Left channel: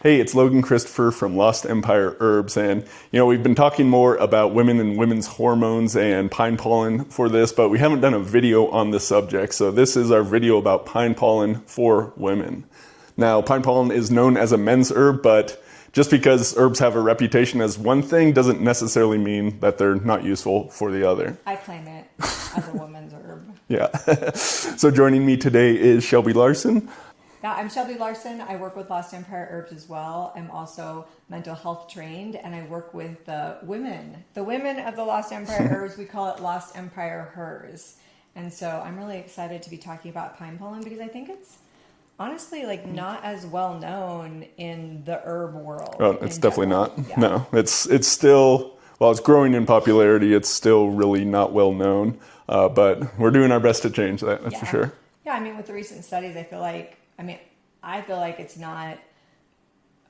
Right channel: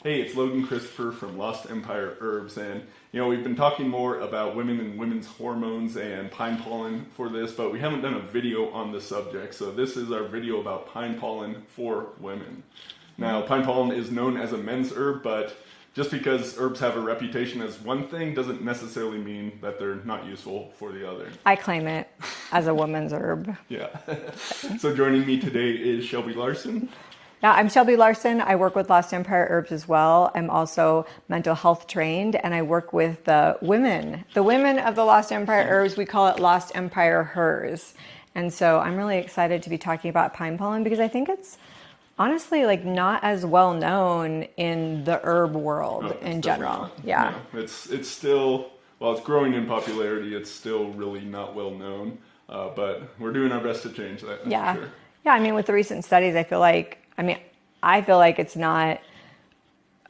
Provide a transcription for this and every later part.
Hey, it's Logan Christopher from Lost Empire Herbs, and we've been talking more about women and women's hormones and pine pollen for this, but we haven't done a video on the subject, so this is our video about pine pollen for women. Now, pine pollen is known as a men's herb, but just because herbs have a reputation as one thing doesn't necessarily mean that they're not useful for the other. I claim it as a woman's herb. Yeah. So joining me today is Shelby Larson. Yeah, I'm Shelby Larson. I work with Lost Empire Herbs as well. I'm also mental health trained, and I work with the women of the Lost Empire Herbs. We call it Lost Empire Hers. And so I'm really excited to be talking about pine pollen because I think it's honestly not as well known in the herb world. Oh, it's definitely not. Yeah. No, it's still, while it's growing in popularity, it's still really not well known. But we're doing our best to change that, that's for sure. Yeah, I mean, with the recent studies, I feel like it's not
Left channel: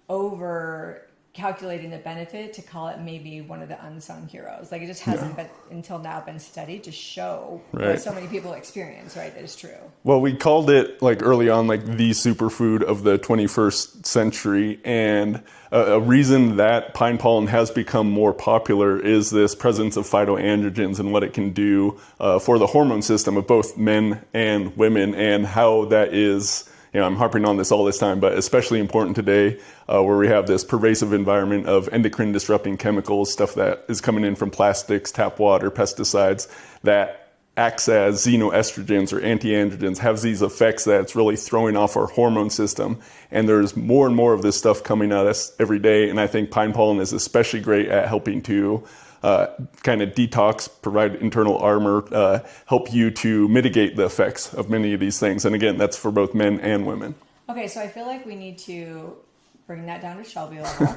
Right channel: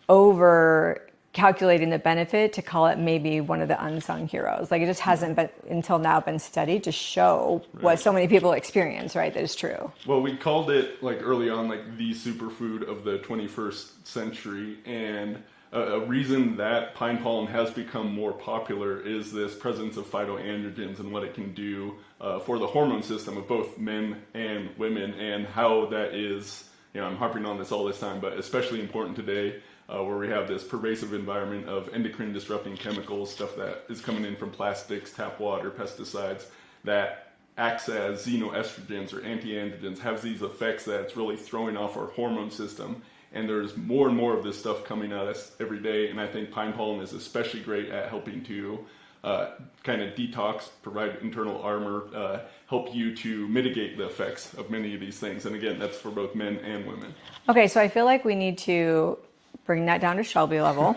over calculating the benefit to call it maybe one of the unsung heroes. Like, it just hasn't been until now been studied to show what so many people experience, right? That is true. Well, we called it early on the superfood of the 21st century, and a reason that pine pollen has become more popular is this presence of phytoandrogens and what it can do for the hormone system of both men and women, and how that is, I'm harping on this all this time, but especially important today where we have this pervasive environment of endocrine disrupting chemicals, stuff that is coming in from plastics, tap water, pesticides, that acts as xenoestrogens or antiandrogens, have these effects that it's really throwing off our hormone system. And there's more and more of this stuff coming at us every day. And I think pine pollen is especially great at helping to kind of detox, provide internal armor, help you to mitigate the effects of many of these things. And again, that's for both men and women. Okay, so I feel like we need to bring that down to Shelby level.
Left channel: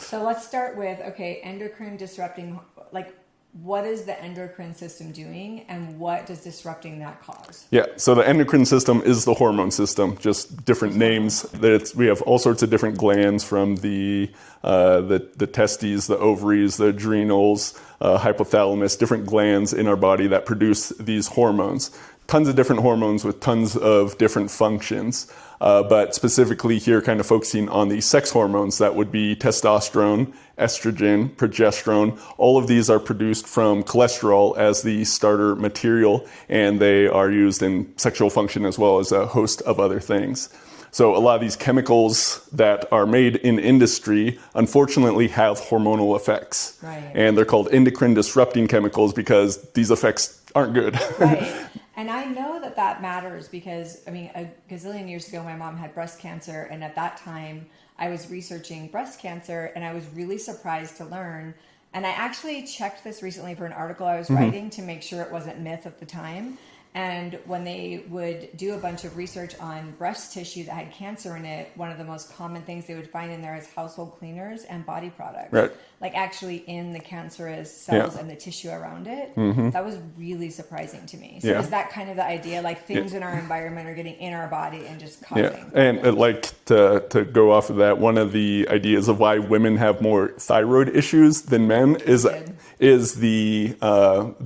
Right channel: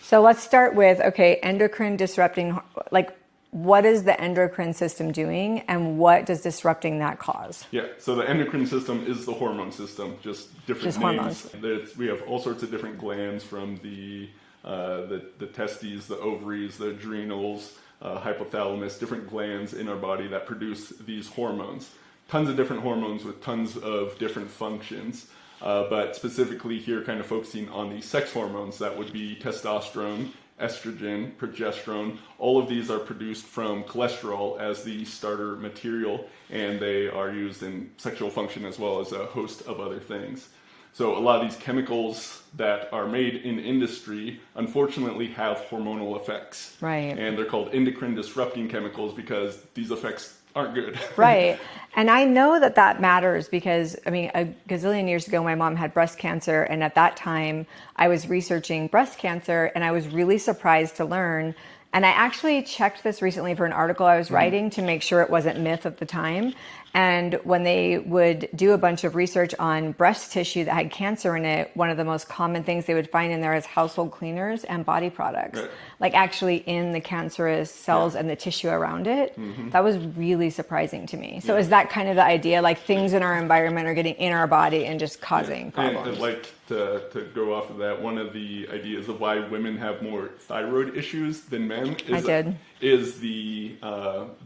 So let's start with, endocrine disrupting, what is the endocrine system doing and what does disrupting that cause? Yeah, so the endocrine system is the hormone system, just different names. We have all sorts of different glands, from the testes, the ovaries, the adrenals, hypothalamus, different glands in our body that produce these hormones. Tons of different hormones with tons of different functions. But specifically here, kind of focusing on the sex hormones, that would be testosterone, estrogen, progesterone. All of these are produced from cholesterol as the starter material, and they are used in sexual function as well as a host of other things. So a lot of these chemicals that are made in industry, unfortunately, have hormonal effects. Right. And they're called endocrine disrupting chemicals because these effects aren't good. Right. And I know that matters because, a gazillion years ago, my mom had breast cancer. And at that time, I was researching breast cancer, and I was really surprised to learn. And I actually checked this recently for an article I was writing to make sure it wasn't myth at the time. And when they would do a bunch of research on breast tissue that had cancer in it, one of the most common things they would find in there is household cleaners and body products, actually in the cancerous cells and the tissue around it. That was really surprising to me. So is that kind of the idea? Things in our environment are getting in our body and just causing problems? And to go off of that, one of the ideas of why women have more thyroid issues than men is the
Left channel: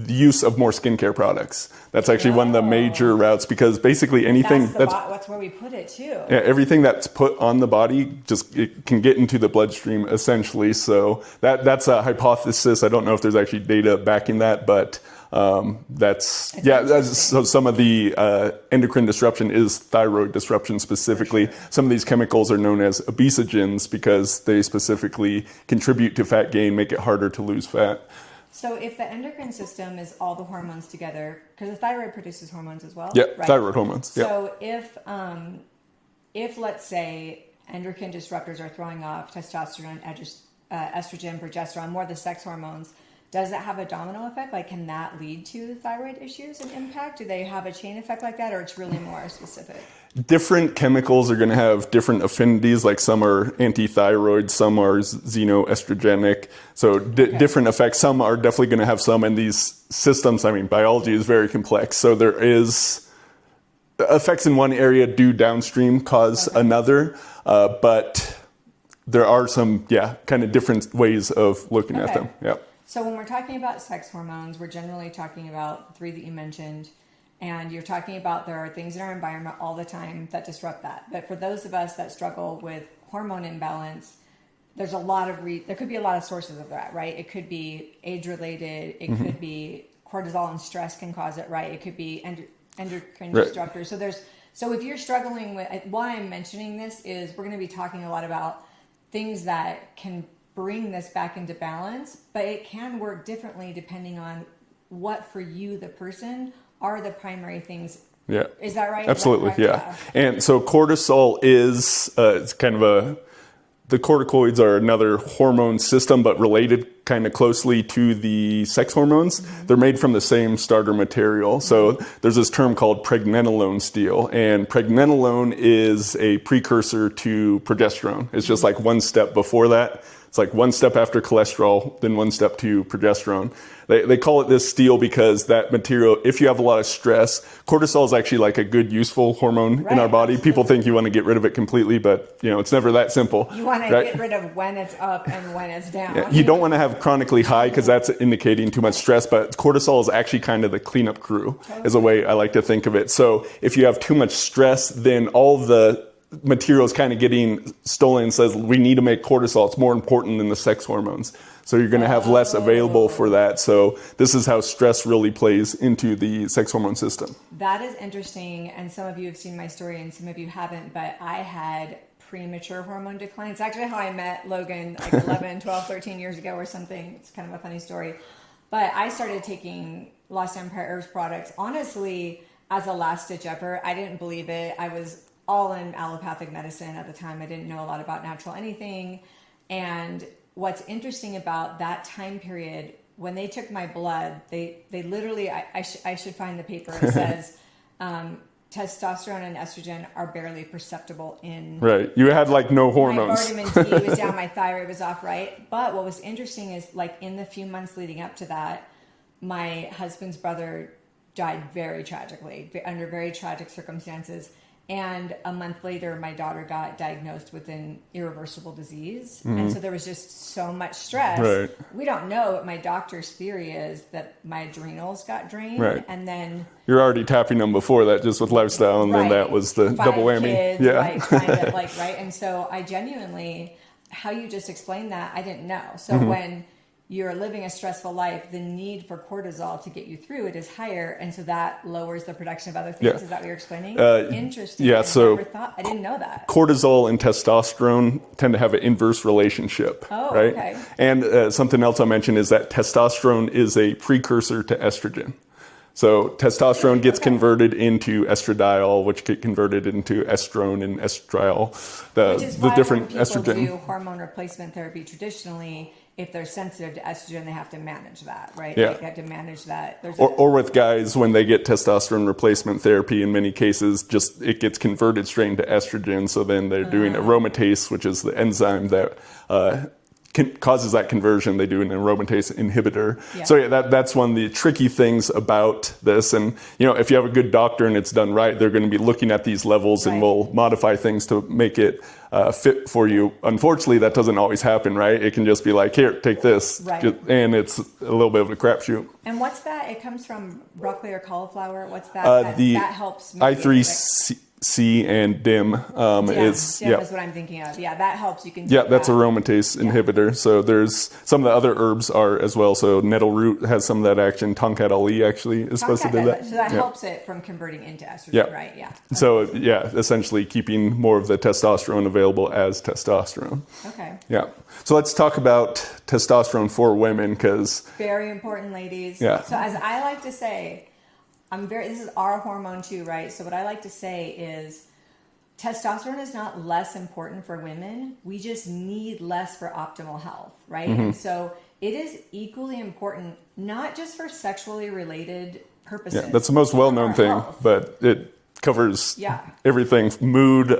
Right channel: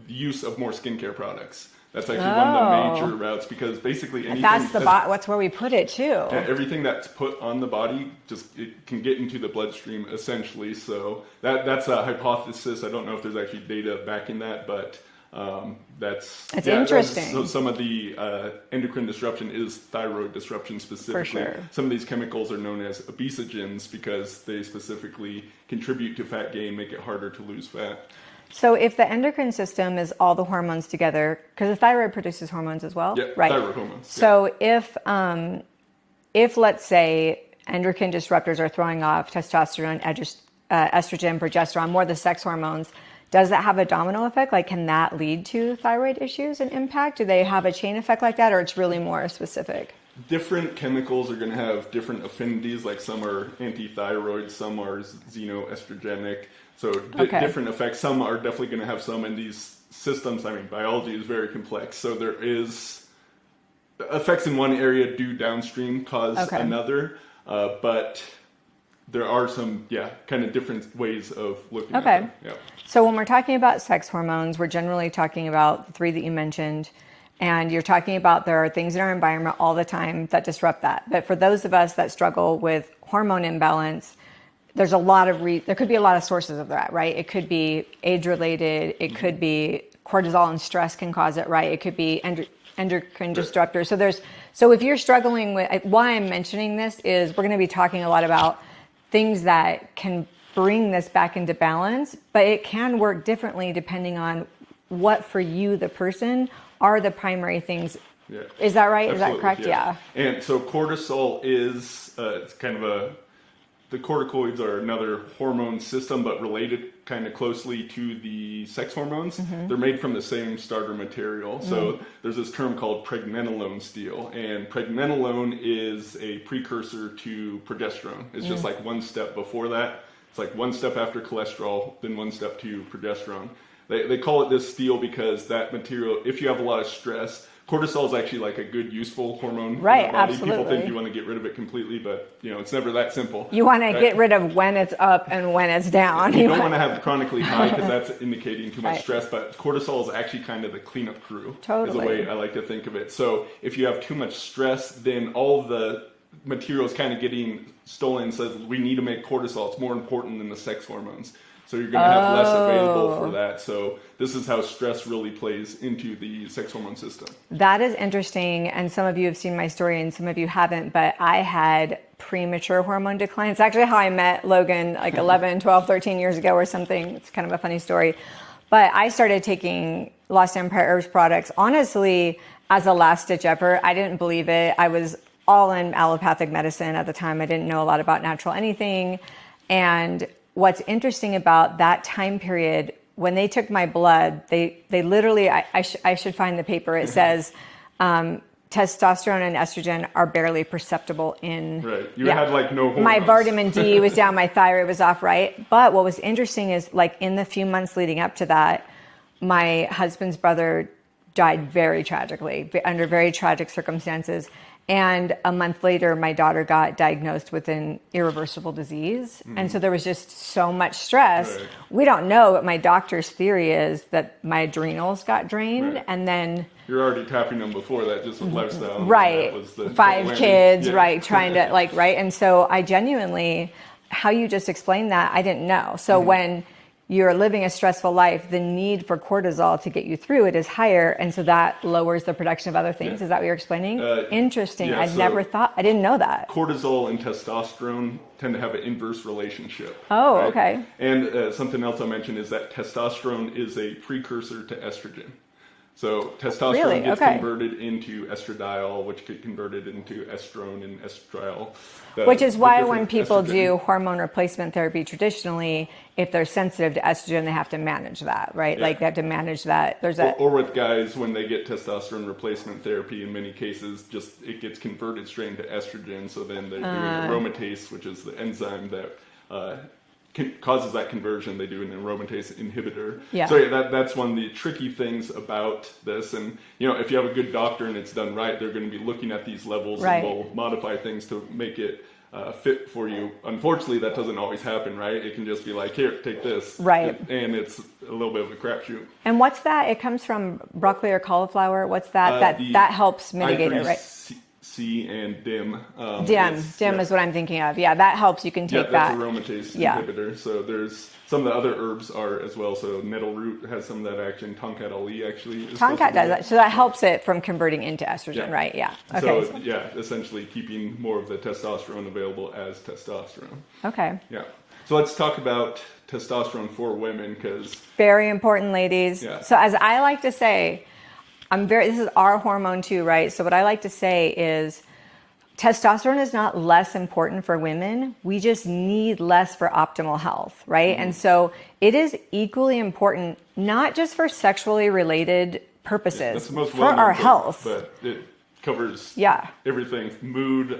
use of more skincare products. That's actually one of the major routes, because basically anything that's where we put it too. Yeah, everything that's put on the body it can get into the bloodstream essentially. So that's a hypothesis. I don't know if there's actually data backing that, but so some of the endocrine disruption is thyroid disruption specifically. For sure. Some of these chemicals are known as obesogens because they specifically contribute to fat gain, make it harder to lose fat. So if the endocrine system is all the hormones together, because the thyroid produces hormones as well? Yeah, right. Thyroid hormones. So if let's say endocrine disruptors are throwing off testosterone, estrogen, progesterone, more the sex hormones, does that have a domino effect? Can that lead to thyroid issues and impact? Do they have a chain effect like that, or it's really more specific? Different chemicals are going to have different affinities. Some are anti-thyroid, some are xenoestrogenic. So different effects. Some are definitely going to have some. And these systems, biology is very complex. So there is effects in one area do downstream cause another. But there are some, kind of different ways of looking at them. Yeah. So when we're talking about sex hormones, we're generally talking about the three that you mentioned. And you're talking about there are things in our environment all the time that disrupt that. But for those of us that struggle with hormone imbalance, there's a lot of there could be a lot of sources of that, right? It could be age related. It could be cortisol and stress can cause it, right? It could be endocrine disruptors. So if you're struggling with, why I'm mentioning this is we're going to be talking a lot about things that can bring this back into balance, but it can work differently depending on what for you, the person, are the primary things. Yeah. Is that right? Absolutely. Is that correct? Yeah. And so cortisol is it's kind of the corticoids are another hormone system, but related kind of closely to the sex hormones. They're made from the same starter material. So there's this term called pregnenolone steal, and pregnenolone is a precursor to progesterone. It's just like one step before that. It's like one step after cholesterol, then one step to progesterone. They call it this steal because that material, if you have a lot of stress, cortisol is actually like a good, useful hormone in our body. Absolutely. People think you want to get rid of it completely, but it's never that simple. You want to get rid of when it's up and when it's down. Yeah, you don't want to have chronically high because that's indicating too much stress, but cortisol is actually kind of the cleanup crew, is a way I like to think of it. So if you have too much stress, then all the material is kind of getting stolen and says, we need to make cortisol. It's more important than the sex hormones. So you're going to have less available for that. So this is how stress really plays into the sex hormone system. That is interesting. And some of you have seen my story and some of you haven't, but I had premature hormone decline. It's actually how I met Logan like 11, 12, 13 years ago or something. It's kind of a funny story. But I started taking Lost Empire Herbs products, honestly, as a last ditch effort. I didn't believe it. I was all in allopathic medicine at the time. I didn't know a lot about natural anything. And what's interesting about that time period, when they took my blood, they literally, I should find the paper. It says testosterone and estrogen are barely perceptible in. Right. You had like no hormones. My vitamin D was down, my thyroid was off, right? But what was interesting is like in the few months leading up to that, my husband's brother died very tragically, under very tragic circumstances. And a month later, my daughter got diagnosed with an irreversible disease. And so there was just so much stress. Right. We don't know, but my doctor's theory is that my adrenals got drained. And then you're already tapping them before that just with lifestyle. And then that was the 5 double whammy. Kids, right, trying to right. And so I genuinely, how you just explained that, I didn't know. So when you're living a stressful life, the need for cortisol to get you through it is higher, and so that lowers the production of other things. Is that what you're explaining? Interesting. I never thought, I didn't know that. Cortisol and testosterone tend to have an inverse relationship. Oh, right? Okay. And something else I'll mention is that testosterone is a precursor to estrogen. So testosterone gets converted into estradiol, which gets converted into estrone and estriol. Which is why when people do hormone replacement therapy traditionally, if they're sensitive to estrogen, they have to manage that, right? Like they have to manage that. Or with guys, when they get testosterone replacement therapy, in many cases, just it gets converted straight into estrogen. So then they're doing aromatase, which is the enzyme that causes that conversion. They do an aromatase inhibitor. So that's one of the tricky things about this. And if you have a good doctor and it's done right, they're going to be looking at these levels and will modify things to make it fit for you. Unfortunately, that doesn't always happen, right? It can just be like, here, take this. Right. And it's a little bit of a crapshoot. And what's that? It comes from broccoli or cauliflower. What's that? That helps mitigate it, right? C and DIM. DIM is what I'm thinking of. Yeah, that helps. You can take that's aromatase inhibitor. So there's some of the other herbs are as well. So nettle root has some of that action. Tongkat Ali actually is supposed to do that. So that helps it from converting into estrogen, right? Yeah. Okay. So essentially keeping more of the testosterone available as testosterone. Okay. Yeah. So let's talk about testosterone for women because very important, ladies. Yeah. So as I like to say, this is our hormone too, right? So what I like to say is testosterone is not less important for women. We just need less for optimal health, right? And so it is equally important, not just for sexually related purposes. Yeah, that's the most well-known thing, health. but it covers everything: mood,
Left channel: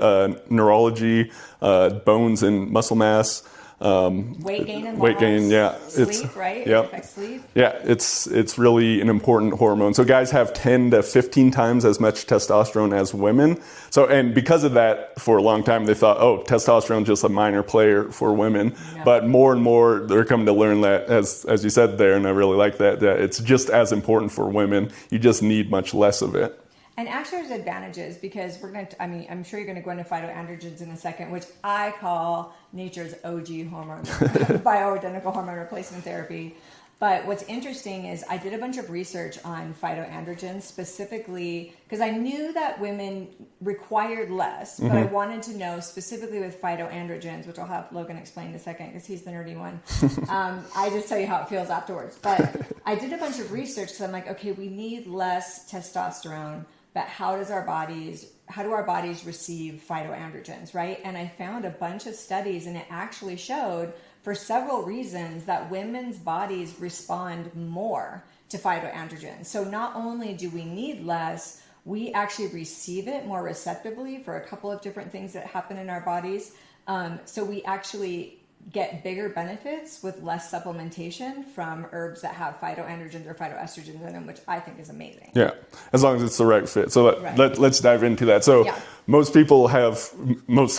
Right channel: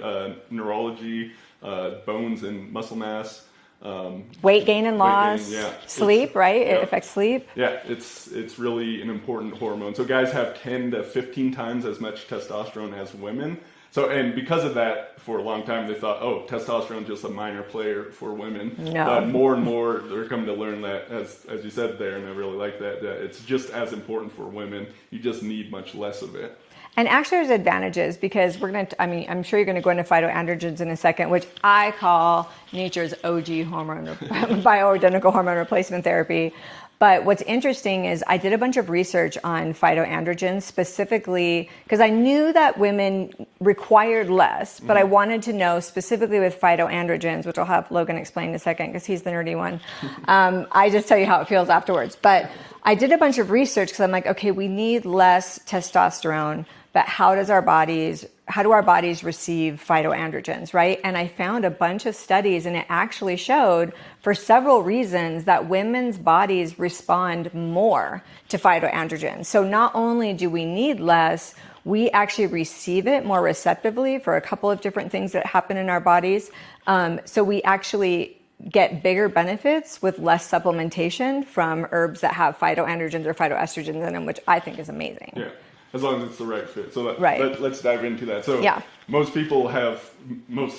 neurology, bones and muscle mass. weight gain and loss, yeah. sleep, right? Yeah. It affects sleep. Yeah, it's really an important hormone. So guys have 10 to 15 times as much testosterone as women. So, and because of that, for a long time, they thought, oh, testosterone is just a minor player for women. No. But more and more, they're coming to learn that, as you said there, and I really like that it's just as important for women. You just need much less of it. And actually there's advantages because I'm sure you're going to go into phytoandrogens in a second, which I call nature's OG hormone, bioidentical hormone replacement therapy. But what's interesting is I did a bunch of research on phytoandrogens specifically because I knew that women required less, but I wanted to know specifically with phytoandrogens, which I'll have Logan explain in a second because he's the nerdy one. I just tell you how it feels afterwards. But I did a bunch of research because I'm like, okay, we need less testosterone, but how do our bodies receive phytoandrogens, right? And I found a bunch of studies and it actually showed for several reasons that women's bodies respond more to phytoandrogens. So not only do we need less, we actually receive it more receptively for a couple of different things that happen in our bodies. So we actually get bigger benefits with less supplementation from herbs that have phytoandrogens or phytoestrogens in them, which I think is amazing. Yeah, as long as it's the right fit. So let's dive into that. So most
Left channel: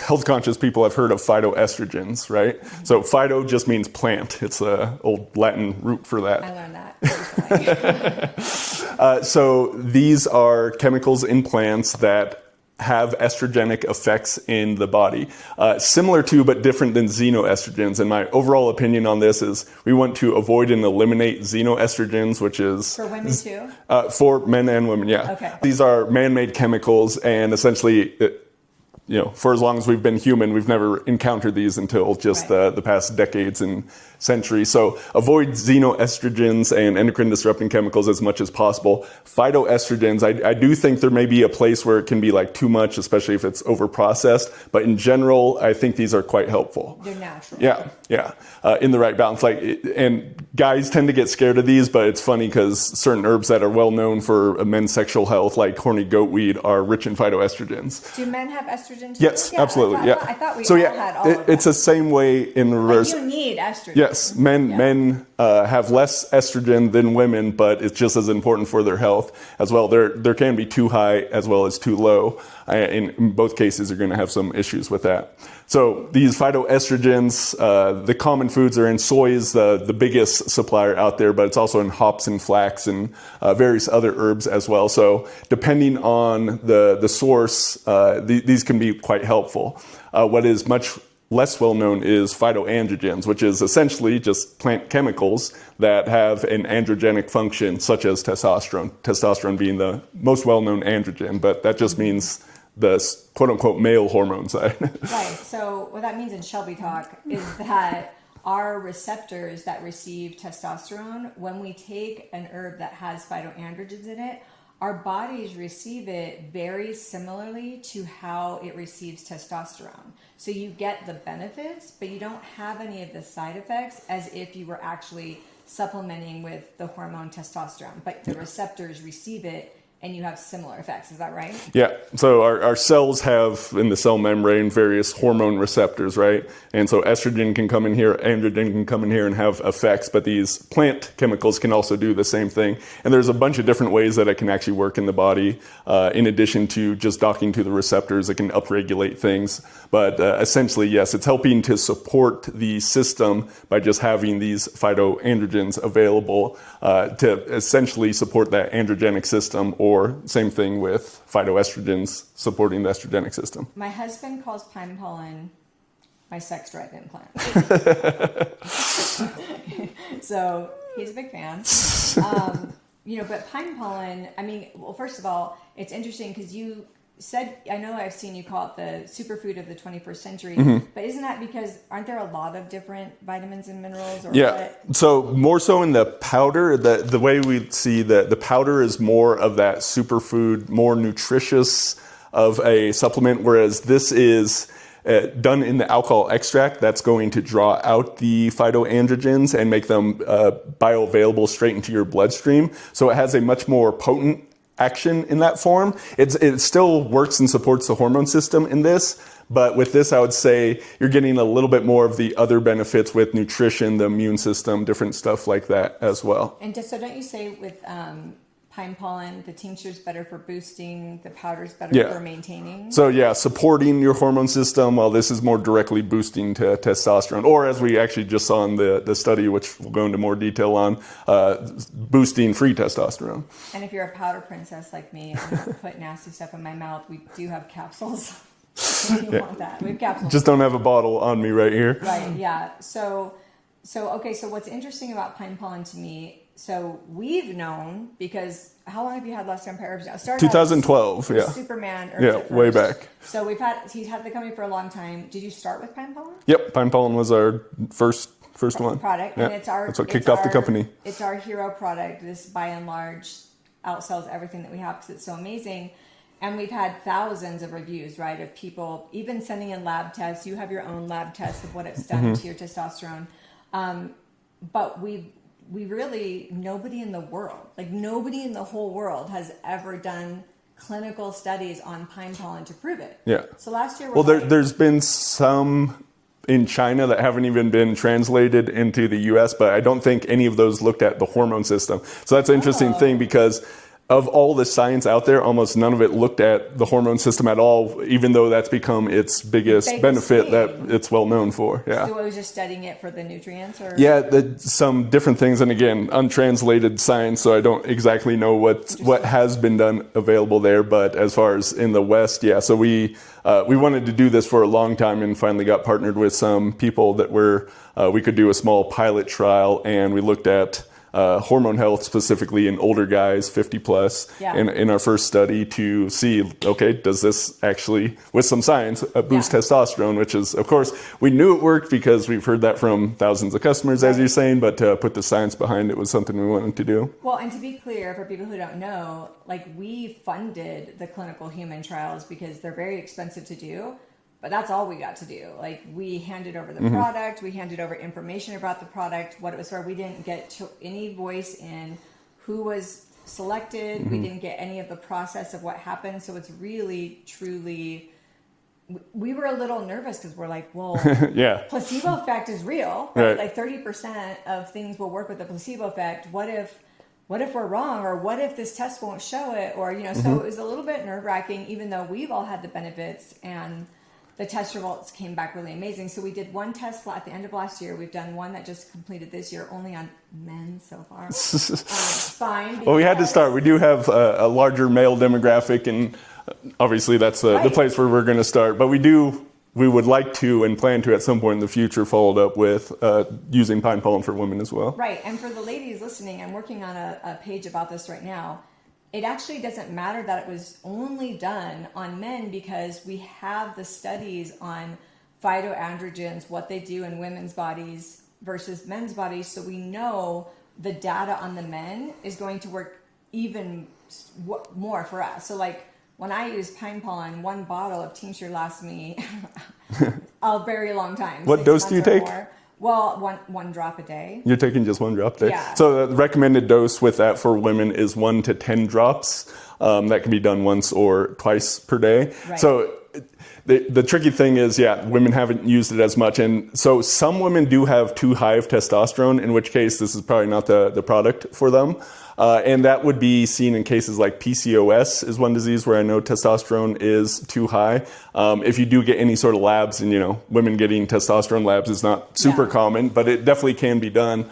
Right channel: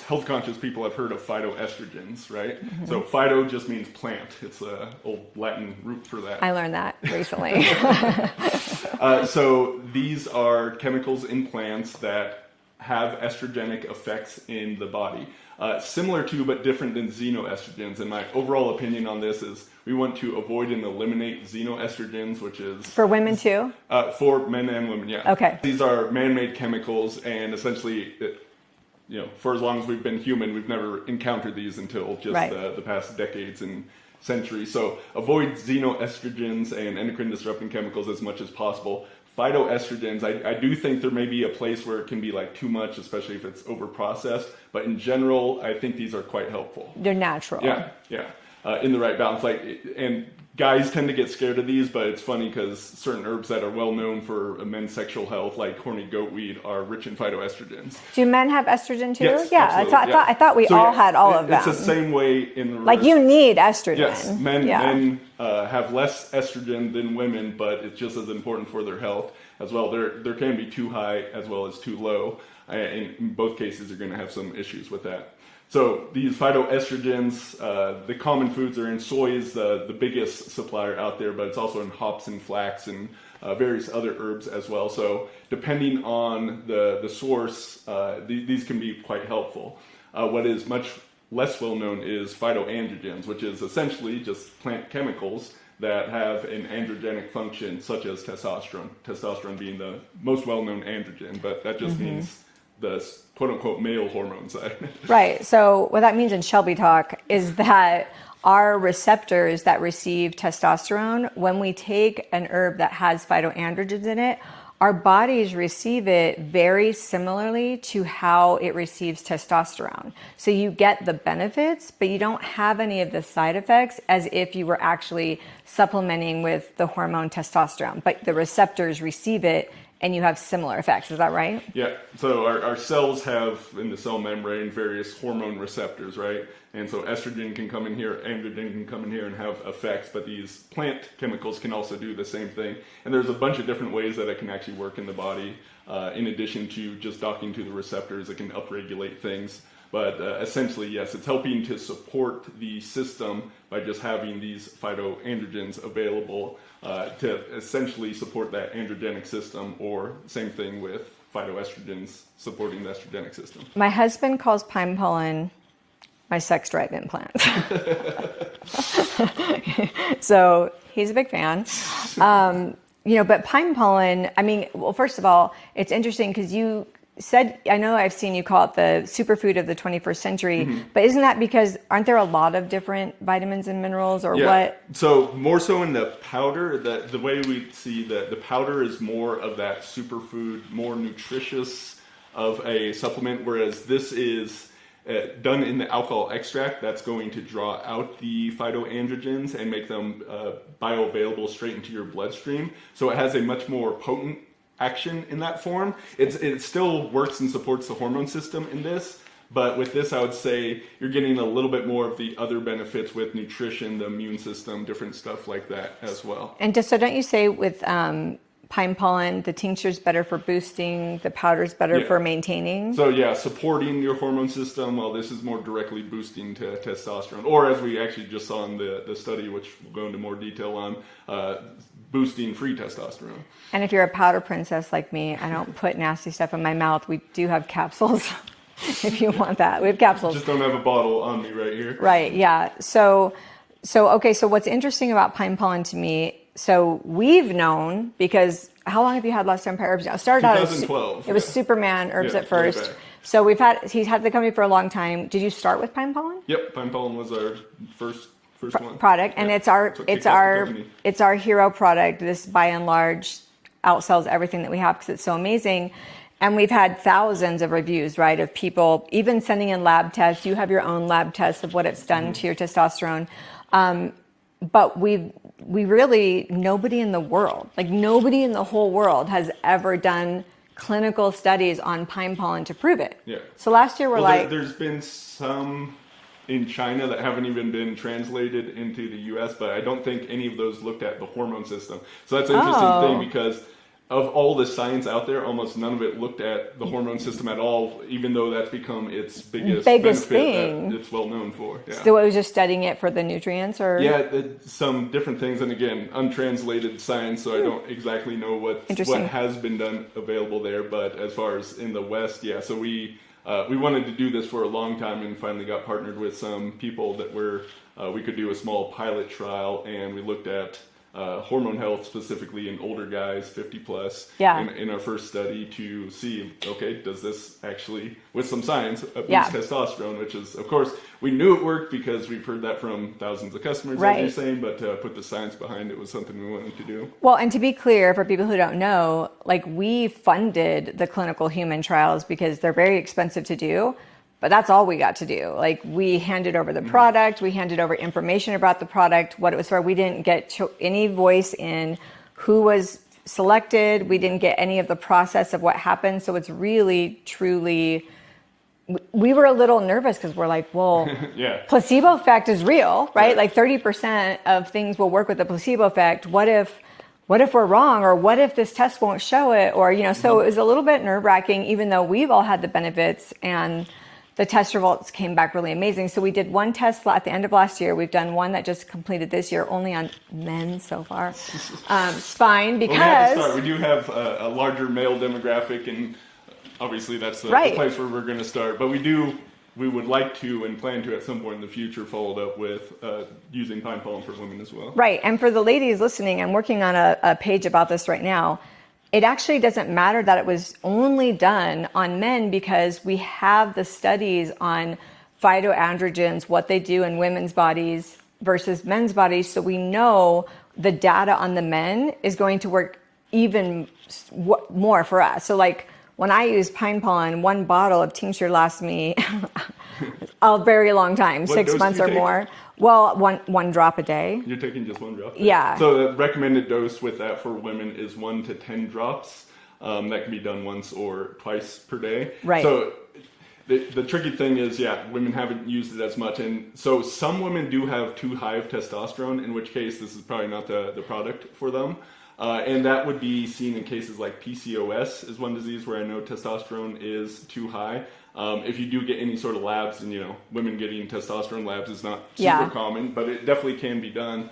health conscious people have heard of phytoestrogens, right? Mm-hmm. So phyto just means plant. It's an old Latin root for that. I learned that recently. So these are chemicals in plants that have estrogenic effects in the body, similar to but different than xenoestrogens. And my overall opinion on this is we want to avoid and eliminate xenoestrogens, which is for women too. For men and women, yeah. Okay. These are man-made chemicals, and essentially, for as long as we've been human, we've never encountered these until just the past decades and centuries. So avoid xenoestrogens and endocrine disrupting chemicals as much as possible. Phytoestrogens, I do think there may be a place where it can be like too much, especially if it's over processed. But in general, I think these are quite helpful. They're natural. Yeah. In the right balance. And guys tend to get scared of these, but it's funny because certain herbs that are well known for men's sexual health, like horny goatweed, are rich in phytoestrogens. Do men have estrogen too? Yes, absolutely. I thought we all had all of them. It's the same way in reverse. Like you need estrogen. Yes, men have less estrogen than women, but it's just as important for their health as well. There can be too high as well as too low. In both cases, you're going to have some issues with that. So these phytoestrogens, the common foods are in soy is the biggest supplier out there, but it's also in hops and flax and various other herbs as well. So depending on the source, these can be quite helpful. What is much less well known is phytoandrogens, which is essentially just plant chemicals that have an androgenic function, such as testosterone. Testosterone being the most well known androgen, but that just means the quote-unquote male hormone side. Right. So what that means in Shelby talk is that our receptors that receive testosterone, when we take an herb that has phytoandrogens in it, our bodies receive it very similarly to how it receives testosterone. So you get the benefits, but you don't have any of the side effects as if you were actually supplementing with the hormone testosterone. But the receptors receive it and you have similar effects. Is that right? Yeah. So our cells have in the cell membrane various hormone receptors, right? And so estrogen can come in here, androgen can come in here and have effects, but these plant chemicals can also do the same thing. And there's a bunch of different ways that it can actually work in the body. In addition to just docking to the receptors, it can upregulate things. But essentially, yes, it's helping to support the system by just having these phytoandrogens available to essentially support that androgenic system, or same thing with phytoestrogens supporting the estrogenic system. My husband calls pine pollen my sex drive implant. So he's a big fan. But pine pollen, well, first of all, it's interesting because you said, I know I've seen you call it the superfood of the 21st century, but isn't that because aren't there a lot of different vitamins and minerals or what? So more so in the powder, the way we see the powder is more of that superfood, more nutritious of a supplement, whereas this is done in the alcohol extract that's going to draw out the phytoandrogens and make them bioavailable straight into your bloodstream. So it has a much more potent action in that form. It still works and supports the hormone system in this, But with this, I would say you're getting a little bit more of the other benefits with nutrition, the immune system, different stuff like that as well. And so don't you say with Pine Pollen, the tincture's better for boosting, the powder's better for maintaining? So yeah, supporting your hormone system, while this is more directly boosting to testosterone, or as we actually just saw in the study, which we'll go into more detail on, boosting free testosterone. And if you're a powder princess like me, I don't put nasty stuff in my mouth. We do have capsules if you want that. We have capsules. Just don't have a bottle on me right here. Right, yeah. So what's interesting about Pine Pollen to me, so we've known, because how long have you had last Empire? I started 2012. It was Superman herbs at first. Way back. So he's had the company for a long time. Did you start with Pine Pollen? Yep, Pine Pollen was our first one. Product, and That's what kicked off the company. It's our hero product. This by and large outsells everything that we have because it's so amazing. And we've had thousands of reviews, right, of people even sending in lab tests. You have your own lab tests of what it's done to your testosterone. But we really, nobody in the world, like nobody in the whole world has ever done clinical studies on Pine Pollen to prove it. Yeah. So last year there's been some in China that haven't even been translated into the US, but I don't think any of those looked at the hormone system. So that's an interesting thing, because of all the science out there, almost none of it looked at the hormone system at all, even though that's become its biggest benefit thing that it's well known for. Yeah. So it was just studying it for the nutrients, or? Yeah, some different things. And again, untranslated science, so I don't exactly know what has been done available there. But as far as in the West, yeah. So we wanted to do this for a long time and finally got partnered with some people that we could do a small pilot trial, and we looked at hormone health specifically in older guys, 50 plus, in our first study to see, okay, does this actually, with some science, boost testosterone, which is, of course, we knew it worked because we've heard that from thousands of customers, as you're saying, but to put the science behind it was something we wanted to do. Well, and to be clear, for people who don't know, like we funded the clinical human trials because they're very expensive to do. But that's all we got to do. Like we handed over the product, we handed over information about the product, what it was for. We didn't get any voice in who was selected. We didn't get any of the process of what happened. So it's really, truly, we were a little nervous because we're like, well, placebo effect is real, right? Like 30% of things will work with the placebo effect. What if we're wrong, or what if this test won't show it? Or, so it was a little bit nerve wracking, even though we've all had the benefits, and the test results came back really amazing. So we did one test at the end of last year. We've done one that just completed this year, only on men so far. Fine, because... Well, we had to start. We do have a larger male demographic, and obviously that's the place where we're going to start. But we would like to and plan to at some point in the future follow up with using Pine Pollen for women as well. Right, and for the ladies listening, I'm working on a page about this right now. It actually doesn't matter that it was only done on men, because we have the studies on phytoandrogens, what they do in women's bodies versus men's bodies. So we know the data on the men is going to work even more for us. So like when I use Pine Pollen, one bottle of tincture lasts me a very long time, what 6 dose months do you or take? more. Well, one drop a day. You're taking just one drop there? Yeah. So the recommended dose with that for women is 1 to 10 drops. That can be done once or twice per day. Right. So the tricky thing is, women haven't used it as much. And so some women do have too high of testosterone, in which case this is probably not the product for them. And that would be seen in cases like PCOS is one disease where I know testosterone is too high. If you do get any sort of labs, and women getting testosterone labs is not super common, but it definitely can be done.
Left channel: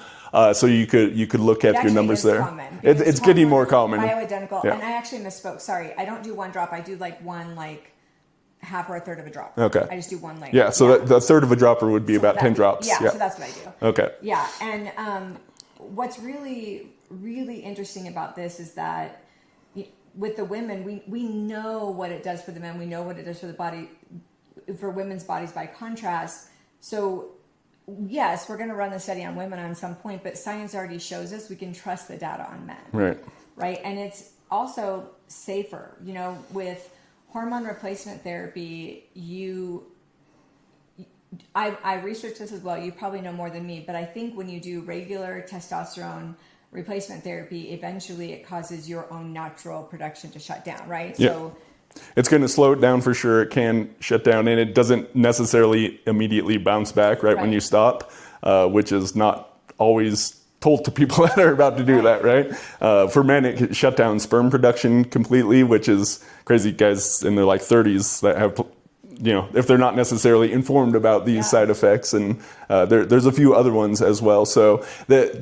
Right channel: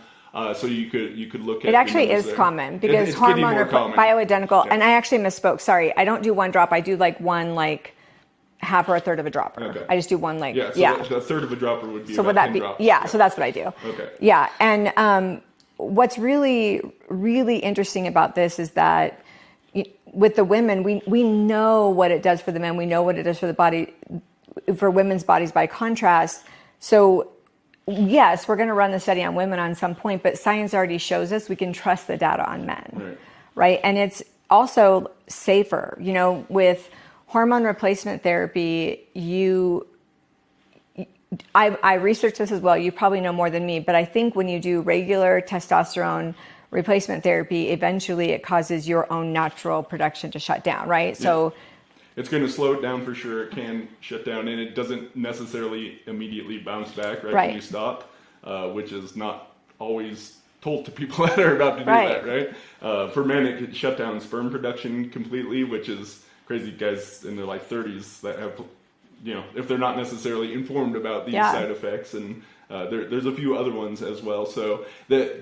So you could look at your numbers there. It actually is common, because it's getting more common. Bioidentical, and I actually misspoke. Sorry, I don't do one drop. I do like one half or a third of a dropper. Okay. I just do one So the third of a dropper would be about 10 drops. Yeah, so that's what I do. Okay. Yeah, and what's really, really interesting about this is that with the women, we know what it does for the men. We know what it does for the body, for women's bodies by contrast. So yes, we're going to run the study on women on some point, but science already shows us we can trust the data on men. Right. And it's also safer. With hormone replacement therapy, I researched this as well. You probably know more than me, but I think when you do regular testosterone replacement therapy, eventually it causes your own natural production to shut down, right? So It's going to slow it down for sure. It can shut down, and it doesn't necessarily immediately bounce back right when you stop, which is not always told to people that are about to do that, right? For men, it can shut down sperm production completely, which is crazy. Guys in their like 30s that have, you know, if they're not necessarily informed about these side effects, and there's a few other ones as well. So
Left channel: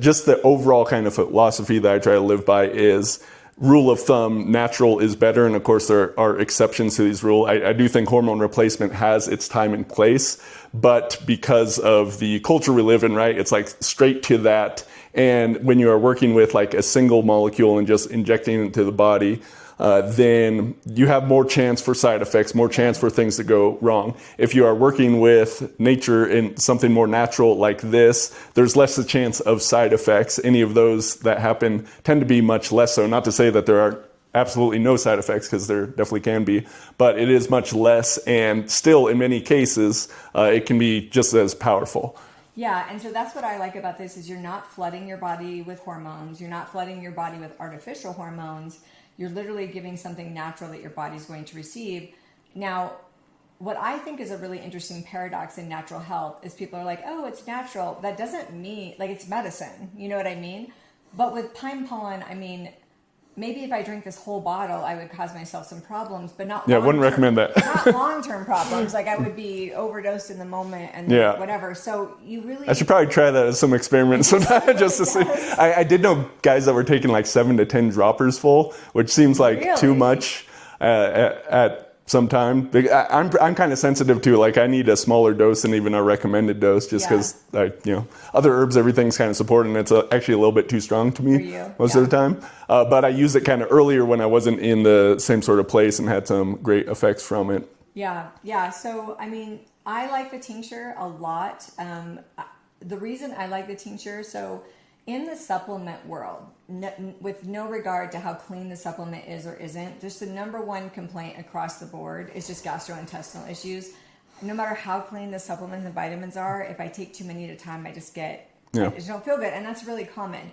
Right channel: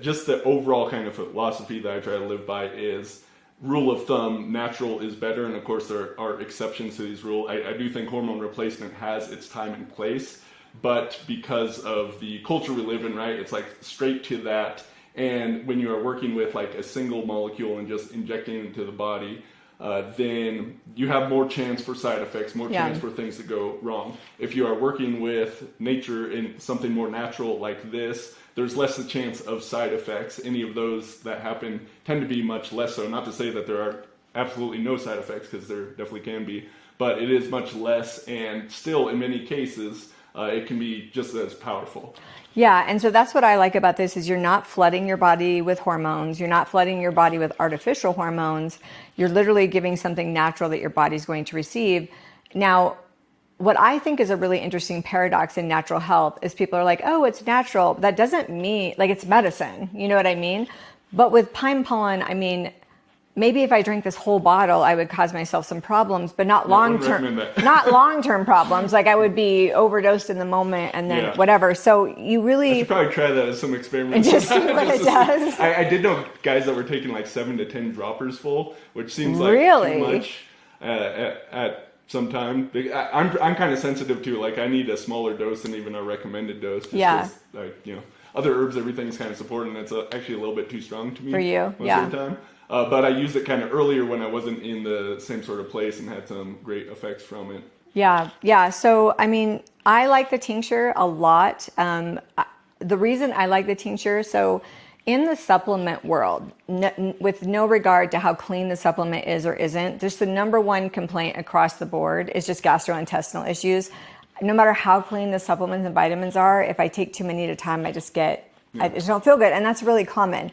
just the overall kind of philosophy that I try to live by is, rule of thumb, natural is better. And of course, there are exceptions to these rules. I do think hormone replacement has its time and place, but because of the culture we live in, right, it's like straight to that. And when you are working with like a single molecule and just injecting it into the body, then you have more chance for side effects, more chance for things to go wrong. If you are working with nature in something more natural like this, there's less a chance of side effects. Any of those that happen tend to be much less so. Not to say that there are absolutely no side effects, because there definitely can be, but it is much less, and still in many cases, it can be just as powerful. Yeah, and so that's what I like about this, is you're not flooding your body with hormones. You're not flooding your body with artificial hormones. You're literally giving something natural that your body's going to receive. Now, what I think is a really interesting paradox in natural health is people are like, oh, it's natural. That doesn't mean, like, it's medicine. You know what I mean? But with pine pollen, I mean, maybe if I drank this whole bottle, I would cause myself some problems, but not long-term. Wouldn't recommend that. Not long-term problems. Like, I would be overdosed in the moment and then whatever. So you really... I should probably try that as some experiments. just to see. I did know guys that were taking like 7 to 10 droppers full, which seems like too much at some time. I'm kind of sensitive to, like, I need a smaller dose than even a recommended dose, just because other herbs, everything's kind of supported, and it's actually a little bit too strong to me for you. most of the time. But I used it kind of earlier when I wasn't in the same sort of place and had some great effects from it. Yeah. So, I mean, I like the tincture a lot. The reason I like the tincture, so in the supplement world, with no regard to how clean the supplement is or isn't, just the number one complaint across the board is just gastrointestinal issues. No matter how clean the supplements and vitamins are, if I take too many at a time, I just don't feel good. And that's really common.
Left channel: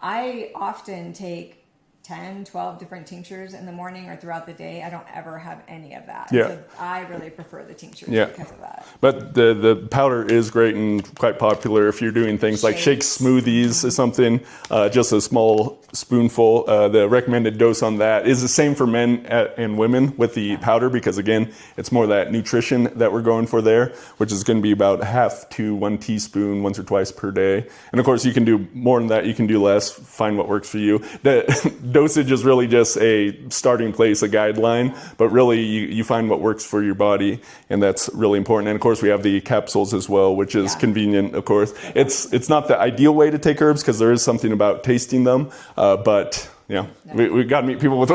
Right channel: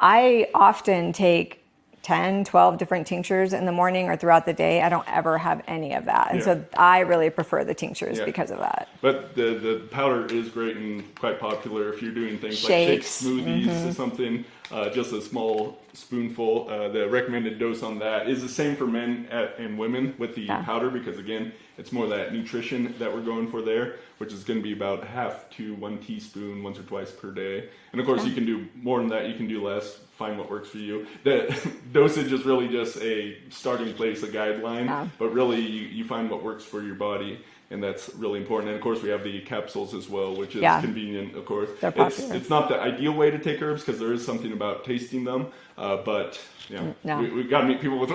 I often take 10, 12 different tinctures in the morning or throughout the day. I don't ever have any of that. And so I really prefer the tinctures because of that. But the powder is great and quite popular if you're doing things like shake smoothies or something, just a small spoonful. The recommended dose on that is the same for men and women with the powder, because again, it's more that nutrition that we're going for there, which is going to be about half to 1 teaspoon once or twice per day. And of course, you can do more than that, you can do less, find what works for you. The dosage is really just a starting place, a guideline, but really you find what works for your body, and that's really important. And of course, we have the capsules as well, which is convenient, of course. It's not the ideal way to take herbs, because there is something about tasting them, but we got to meet people with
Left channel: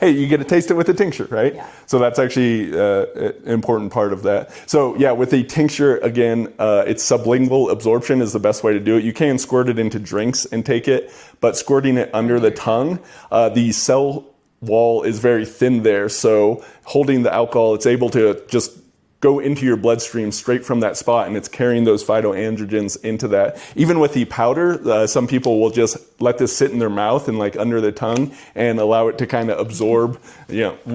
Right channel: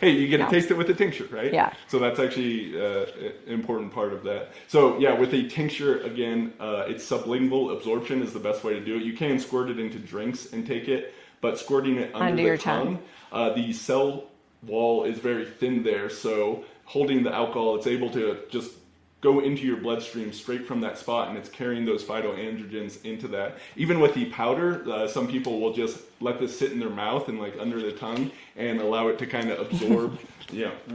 hey, you get to taste it with a tincture, right? Yeah. So that's actually an important part of that. So with the tincture, again, it's sublingual absorption is the best way to do it. You can squirt it into drinks and take it, but squirting it under the tongue, the cell wall is very thin there. So holding the alcohol, it's able to just go into your bloodstream straight from that spot, and it's carrying those phytoandrogens into that. Even with the powder, some people will just let this sit in their mouth and like under the tongue and allow it to kind of absorb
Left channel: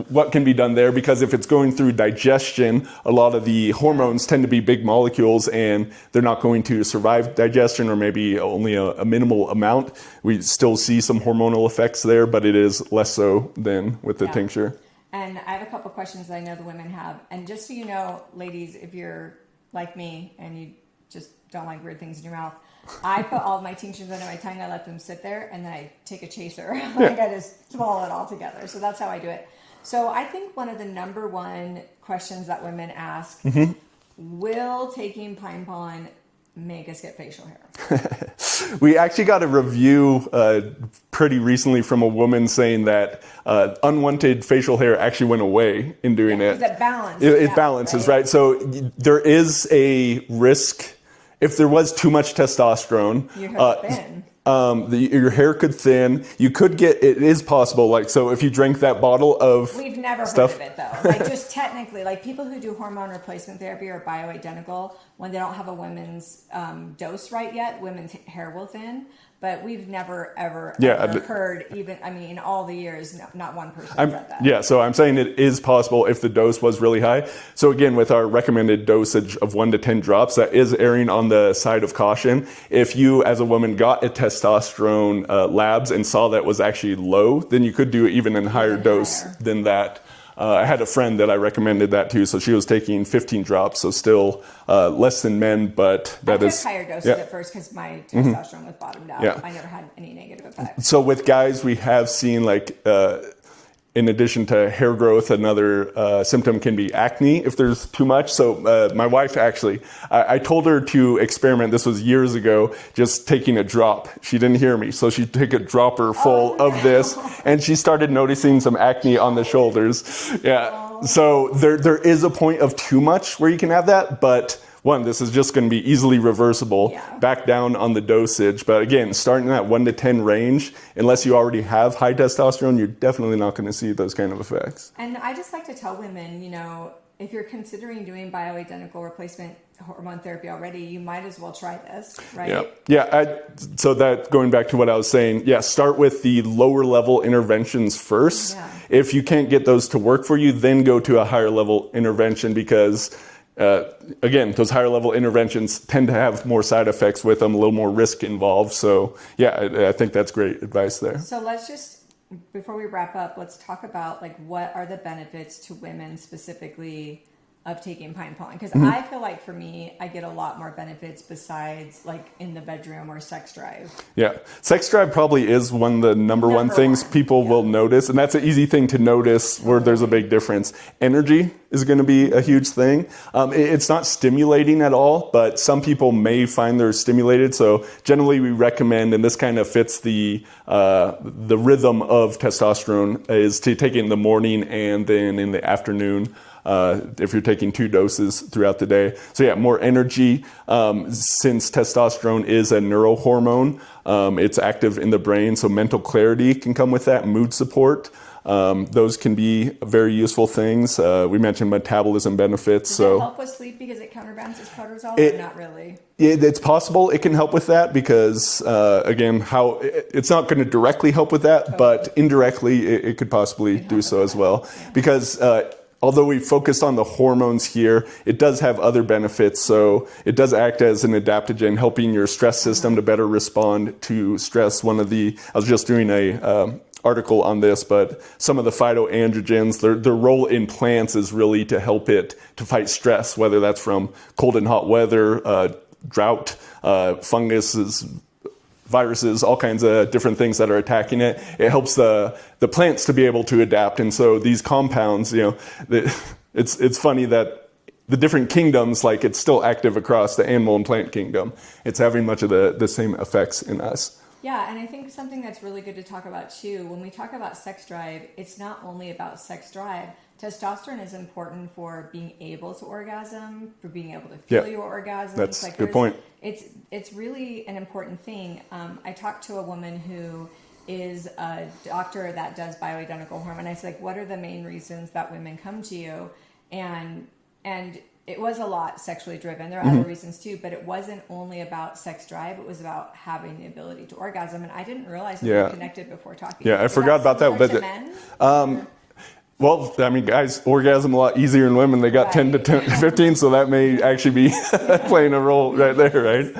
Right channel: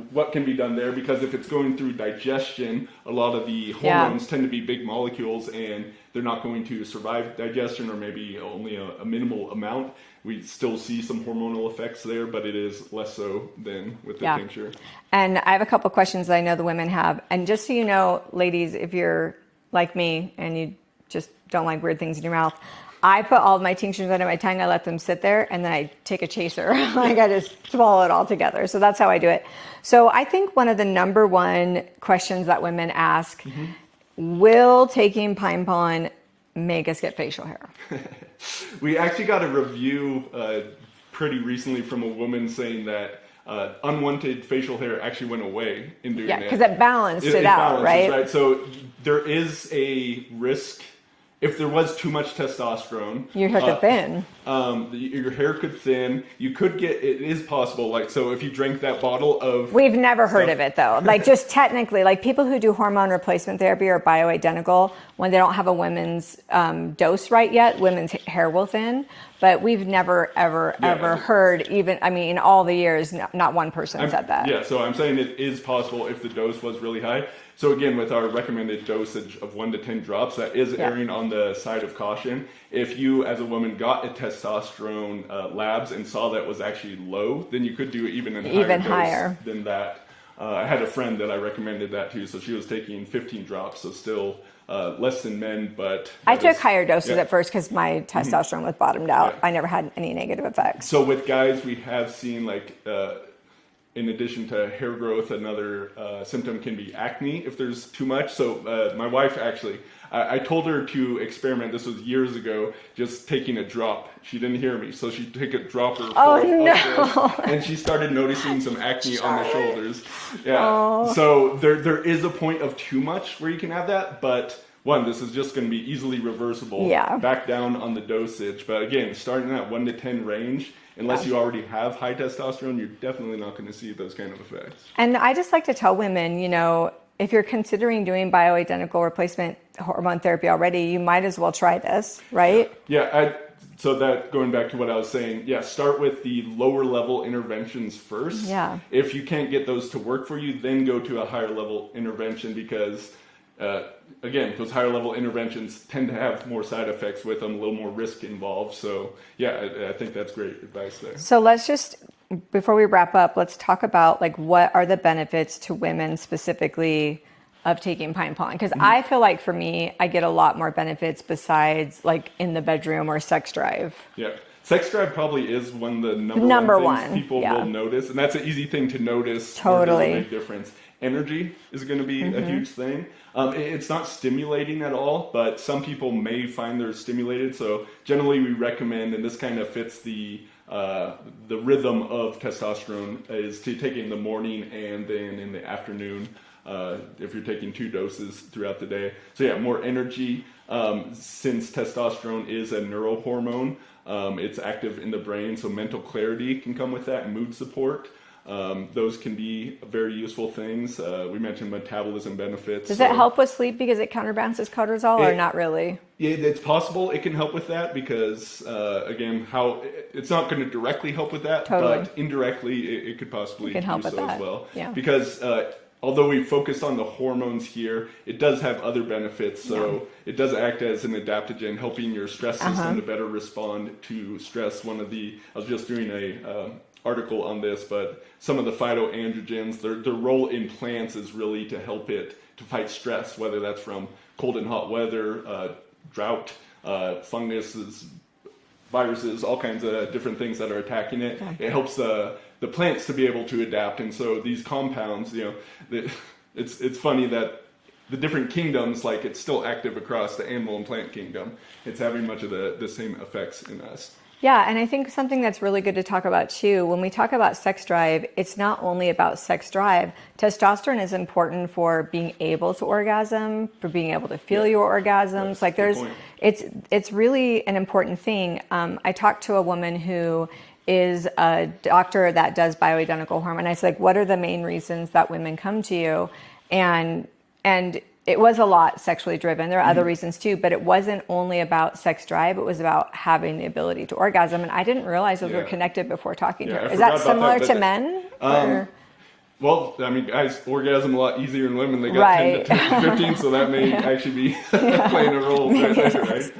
what can be done there, because if it's going through digestion, a lot of the hormones tend to be big molecules and they're not going to survive digestion, or maybe only a minimal amount. We still see some hormonal effects there, but it is less so than with the tincture. And I have a couple questions that I know the women have. And just so you know, ladies, if you're like me and you just don't like weird things in your mouth, I put all of my tinctures under my tongue, I let them sit there, and then I take a chaser. Like, I just swallow it all together. So that's how I do it. So I think one of the number one questions that women ask, will taking pine pollen make us get facial hair? We actually got a review pretty recently from a woman saying that unwanted facial hair actually went away in doing it. Because it balanced it out, balances, right? So there is a risk. If there was too much testosterone, your hair could thin. Your hair could thin. You could get, it is possible, like, so if you drink that bottle of We've never heard of it, though. Like, just technically, like, people who do hormone replacement therapy are bioidentical. When they don't have a women's dose right yet, women's hair will thin. but we've never, ever heard even, I mean, in all the years, not one person said that. Yeah, so I'm saying it is possible if the dose was really high. So again, with our recommended dosage of 1 to 10 drops, that is erring on the side of caution. If you, as a woman, got a testosterone labs and saw that was actually low, then you could do even a higher dose than that. I had a friend that I recommended that to, so she was taking 15 drops, so still less than men, but I took higher doses at first because my testosterone was bottomed out. I never had any negative effects. So with guys, we have seen like, in addition to hair growth, another symptom can be acne if there's too much. So my wife actually, I told her to experiment, this was years ago, just taking a drop. She didn't hear me, so she took a dropper full of this, and she started noticing some acne on the shoulders. Yeah. So there is a point of too much where you can have that, but one, this is just going to be easily reversible, back down on the dosage. But again, starting at 1 to 10 range, unless you already have high testosterone, you're definitely not going to see those kind of effects. And I just like to tell women, you know, if you're considering doing bioidentical replacement hormone therapy already, you might as well try this, right? So that, going back to what I was saying, start with the lower level interventions first. If you can't get those to work for you, then go to a higher level intervention, because again, those higher level interventions tend to have more side effects with them, a little more risk involved. So I think that's great advice there. So let's just, before we wrap up, let's talk about like what are the benefits to women specifically of taking pine pollen? Because I feel like for me, I get a lot more benefits besides like in the bedroom or sex drive. Yeah. Sex drive probably is one of the number one things people will notice. And that's an easy thing to notice where there's a big difference. Energy is going to be a huge thing. It's not stimulating at all, but some people may find they're stimulated. So generally we recommend, and this kind of fits the rhythm of testosterone, is to take it in the morning and then in the afternoon. If you're taking 2 doses throughout the day. So more energy. Since testosterone is a neurohormone, it's active in the brain, so mental clarity can come with that, mood support. Those can be very useful things. We mentioned metabolism benefits. Does it help with sleep because it counterbalances cortisol, or not really? It's possible it can help with that because, again, it's not going to directly help with that, but indirectly it could possibly do so as well. Because although we focused on the hormones here, it does have other benefits. So it does act as an adaptogen, helping your stress system to better respond to stress. I was just doing a article on this, but some of the phytoandrogens, their role in plants is really to help it to fight stress, whether that's from cold and hot weather, drought, funguses, viruses, all kinds of different things that are attacking it. It helps the plants to be able to adapt. And so these compounds, it's funny that the different kingdoms, like it's still active across the animal and plant kingdom. It's having much of the same effects in us. Yeah, and I think something that's really good to talk about too, when we talk about sex drive, it's not only about sex drive. Testosterone is important for being able to orgasm, for being able to feel your orgasms. That's good point. It's really an important thing. I talked to a woman who is a doctor that does bioidentical hormone. I said, like, what are the main reasons that women come to you? And it was a lot sexually driven. There are other reasons too, but it wasn't only about sex drive. It was about having the ability to orgasm. And I didn't realize that they're connected before talking. I forgot about that. Is that similar to men? Well, I mean, guys orgasm a lot easier in women. They got 10 to 15, so that may actually be playing a role right there, right?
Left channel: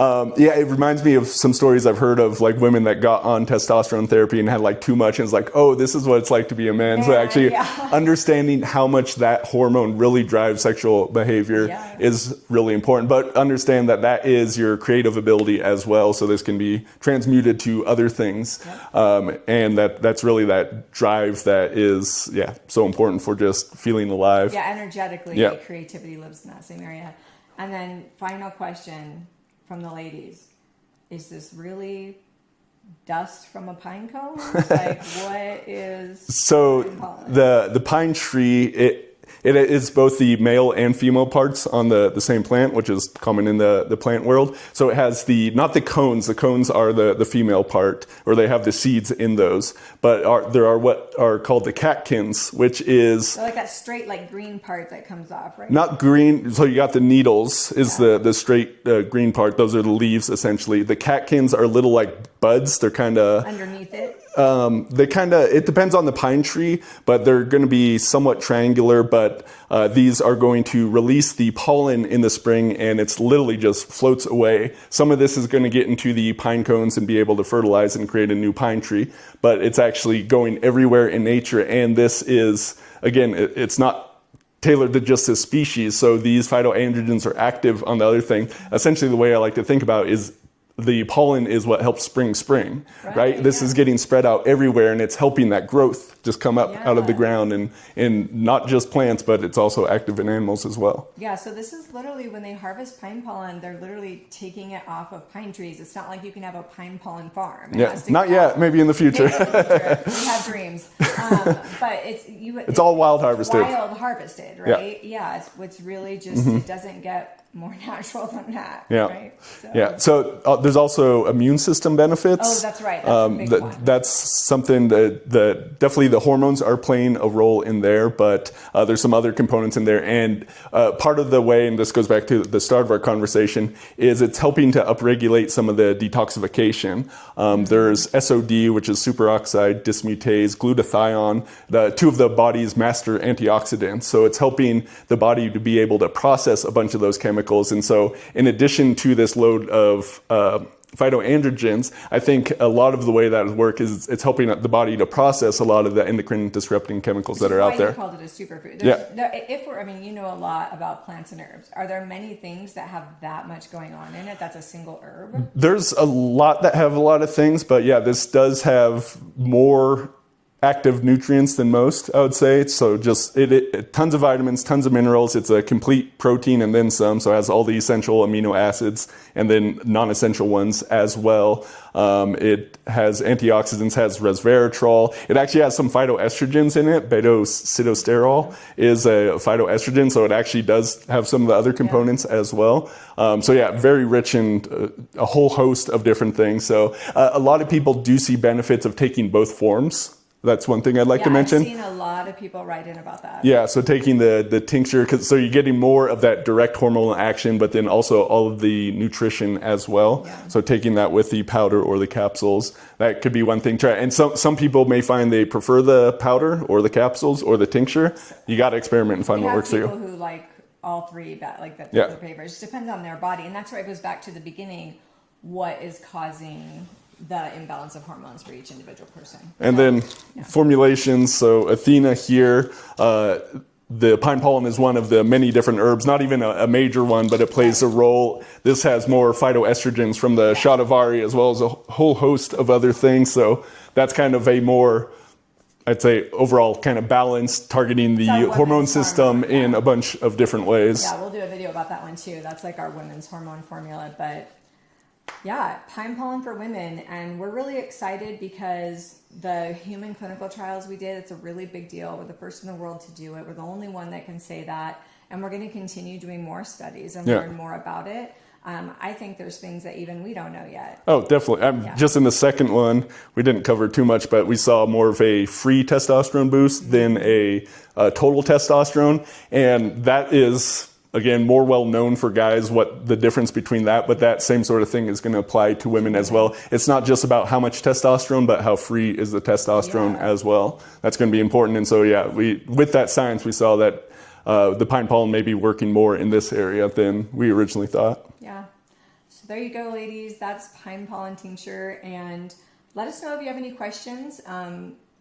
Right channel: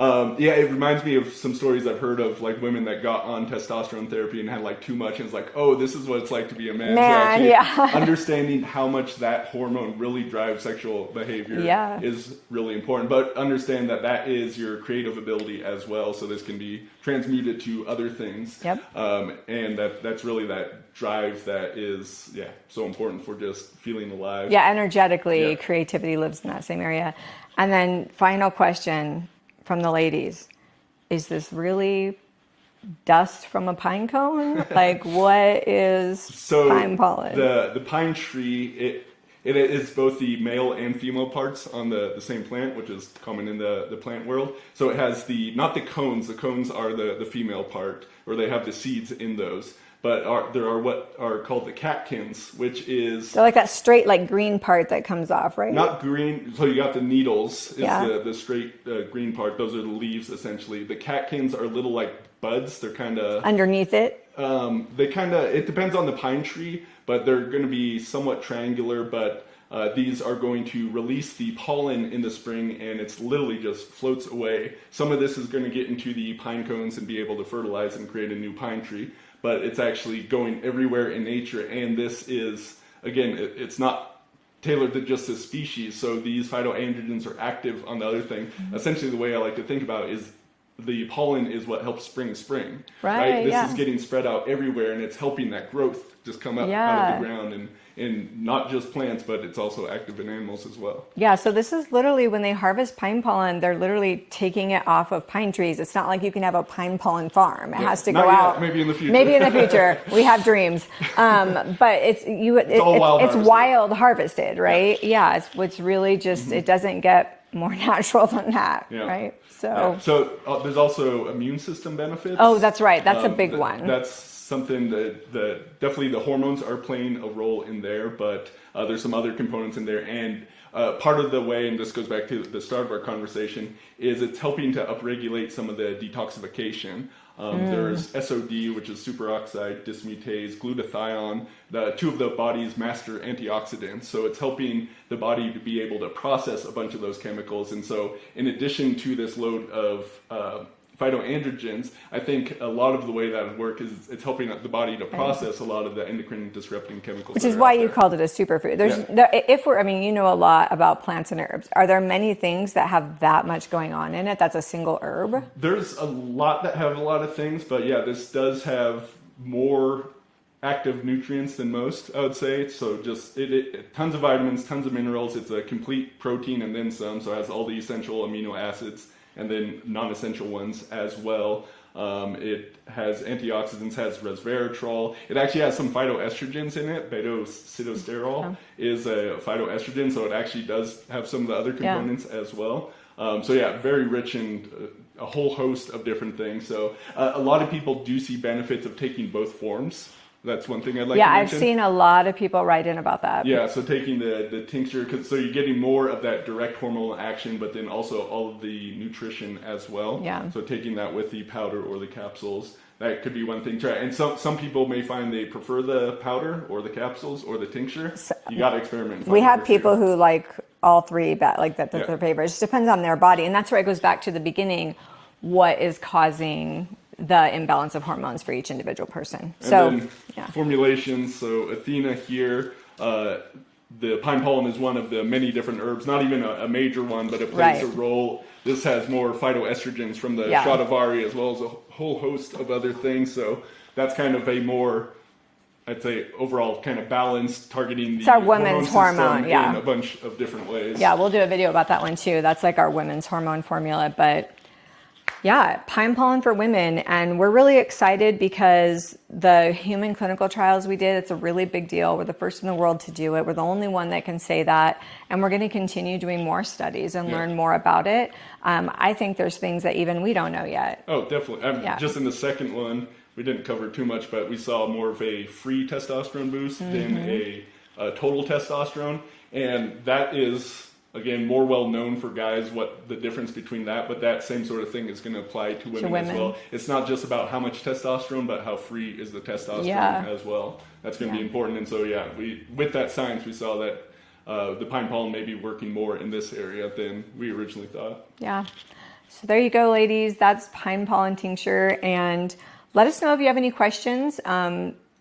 It reminds me of some stories I've heard of, like women that got on testosterone therapy and had like too much, and it's like, oh, this is what it's like to be a man. So actually understanding how much that hormone really drives sexual behavior is really important. But understand that is your creative ability as well. So this can be transmuted to other things. And that's really that drive that is, so important for just feeling alive. Energetically, creativity lives in that same area. And then final question from the ladies, is this really dust from a pine cone? Like, what is pine pollen? The pine tree, it is both the male and female parts on the same plant, which is common in the plant world. So it has not the cones are the female part, or they have the seeds in those. but there are what are called the catkins, which is So like that straight, like green part that comes off, right? not green. So you got the needles is Yeah. the straight green part. Those are the leaves essentially. The catkins are little like buds. They're kind of Underneath it. it depends on the pine tree, but they're going to be somewhat triangular, but these are going to release the pollen in the spring, and it's literally just floats away. Some of this is going to get into the pine cones and be able to fertilize and create a new pine tree, but it's actually going everywhere in nature. And this is, again, it's not tailored to just this species. So these phytoandrogens are active on the other thing. Essentially, the way I like to think about it is the pollen is what helps spring, right? This is getting spread out everywhere, and it's helping that growth just come up out of the ground, and not just plants, but it's also active in animals as well. Yeah, so this is literally when they harvest pine pollen, they're literally taking it off of pine trees. It's not like you can have a pine pollen farm. It has to not go yet, out. maybe in the future. Maybe in the future. We have dreams. But it's all wild it's harvested. wild harvested, right? Yeah, it's really just, it doesn't get more natural than that, right? So there's also immune system benefits. Oh, that's right. That's a big one. That's something that definitely the hormones are playing a role in there, but there's some other components in there. And part of the way, and this goes back to the start of our conversation, is it's helping to upregulate some of the detoxification. There's SOD, which is superoxide dismutase, glutathione, two of the body's master antioxidants. So it's helping the body to be able to process a bunch of those chemicals. And so in addition to this load of phytoandrogens, I think a lot of the way that work is it's helping the body to process a lot of the endocrine disrupting chemicals that are out there. Which is why you called it a superfood. You know a lot about plants and herbs. Are there many things that have that much going on in it that's a single herb? There's a lot that have a lot of things, but yeah, this does have more active nutrients than most, I would say. So just tons of vitamins, tons of minerals. It's a complete protein and then some. So it has all the essential amino acids and then non-essential ones as well. It has antioxidants, has resveratrol. It actually has some phytoestrogens in it. Beta-sitosterol is a phytoestrogen, so it actually does have some of the other components as well. Very rich in a whole host of different things. So a lot of people do see benefits of taking both forms. That's one thing I'd like to mention. Yeah, I've seen a lot of people write in about that. Yeah, so taking the tincture, so you're getting more of that direct hormonal action, but then also all of the nutrition as well. Yeah. So taking that with the powder or the capsules, that could be one thing. And some people may find they prefer the powder or the capsules or the tincture. You got to experiment and find what works for you. We have people who like all three, that's their favorite. It just depends on their body. And that's where it goes back to the beginning. What is causing the imbalance of hormones for each individual person? And formulations. So Athena here, the pine pollen is one of the many different herbs, not even a major one, but it plays a role. This has more phytoestrogens from the shatavari as well as a whole host of other things. So that's kind of a more, I'd say, overall kind of balance, targeting the hormone system in a bunch of different ways. Yeah, we'll do a video about that one too. That's like our women's hormone formula. But yeah, pine pollen for women. And we're really excited because the human clinical trials we did, it's a really big deal. We're the first in the world to do it. We're the only one that can say that. And we're going to continue doing more studies and learn more about it. I think there's things that even we don't know yet. Oh, definitely. Just in the second one, we didn't cover too much, but we saw more of a free testosterone boost than a total testosterone. And that is, again, more well known for guys, what the difference between that, but that same sort of thing is going to apply to women as well. It's not just about how much testosterone, but how free is the testosterone as well. That's going to be important. And so, with that science, we saw that the pine pollen may be working more in this area than we originally thought. Yeah. So there you go, ladies. That's Pine Pollen Tincture. And let us know if you have any questions.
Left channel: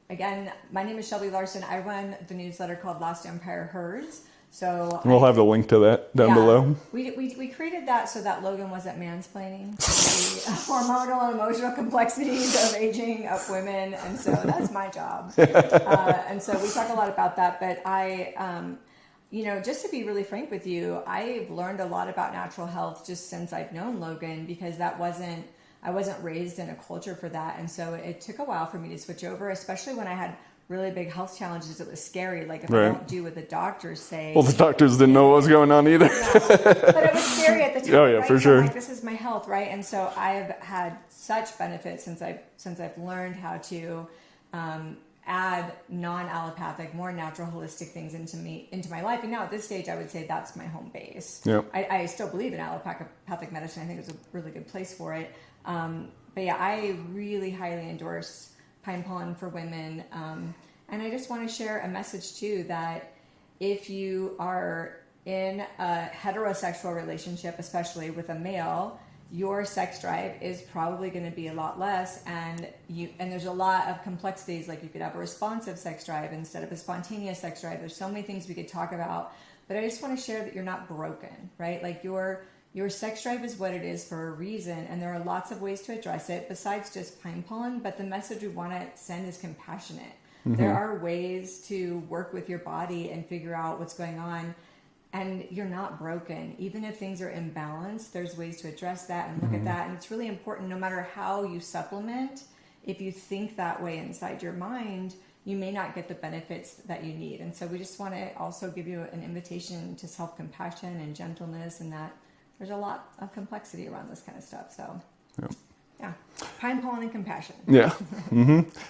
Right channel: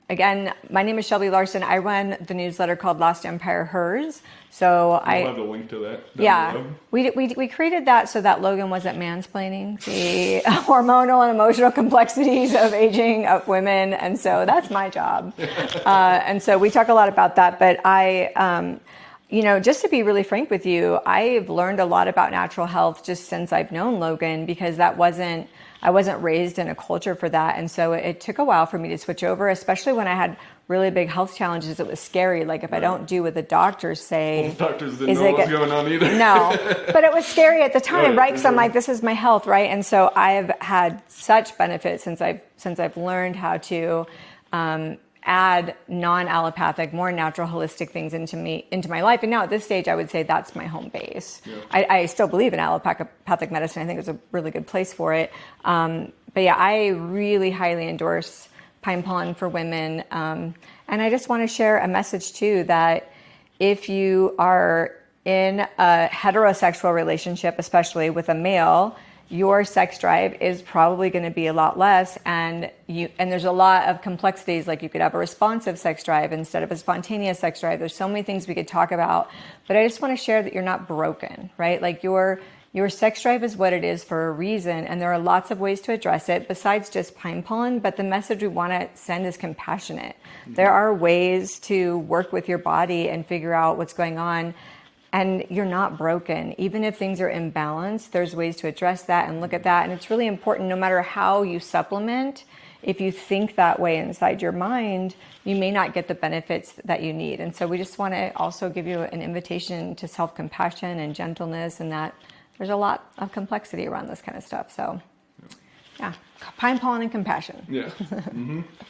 Again, my name is Shelby Larson. I run the newsletter called Last Empire Hers. So we'll have a link to that down below. We created that so that Logan wasn't mansplaining the hormonal and emotional complexities of aging of women, and so that's my job. And so we talk a lot about that. But just to be really frank with you, I've learned a lot about natural health just since I've known Logan, because I wasn't raised in a culture for that, and so it took a while for me to switch over, especially when I had really big health challenges. It was scary. Like if I don't do what the doctors say. Well, the doctors didn't know what was going on either. No, but it was scary at the time, right? So sure. I'm like, this is my health, right? And so I've had such benefits since I've learned how to add non-allopathic, more natural, holistic things into my life. And now at this stage, I would say that's my home base. Yeah. I still believe in allopathic medicine. I think it's a really good place for it. But yeah, I really highly endorse Pine Pollen for women. And I just want to share a message too, that if you are in a heterosexual relationship, especially with a male, your sex drive is probably going to be a lot less, and there's a lot of complexities. Like, you could have a responsive sex drive instead of a spontaneous sex drive. There's so many things we could talk about, but I just want to share that you're not broken, right? Like, your sex drive is what it is for a reason, and there are lots of ways to address it besides just Pine Pollen. But the message we want to send is compassionate. There are ways to work with your body and figure out what's going on. And you're not broken. Even if things are imbalanced, there's ways to address that and look at that. And it's really important, no matter how you supplement, if you think that way inside your mind, you may not get the benefits that you need. And so we just want to also give you an invitation to self-compassion and gentleness, and that there's a lot of complexity around this kind of stuff. So, yeah. Pine Pollen and compassion. Yeah.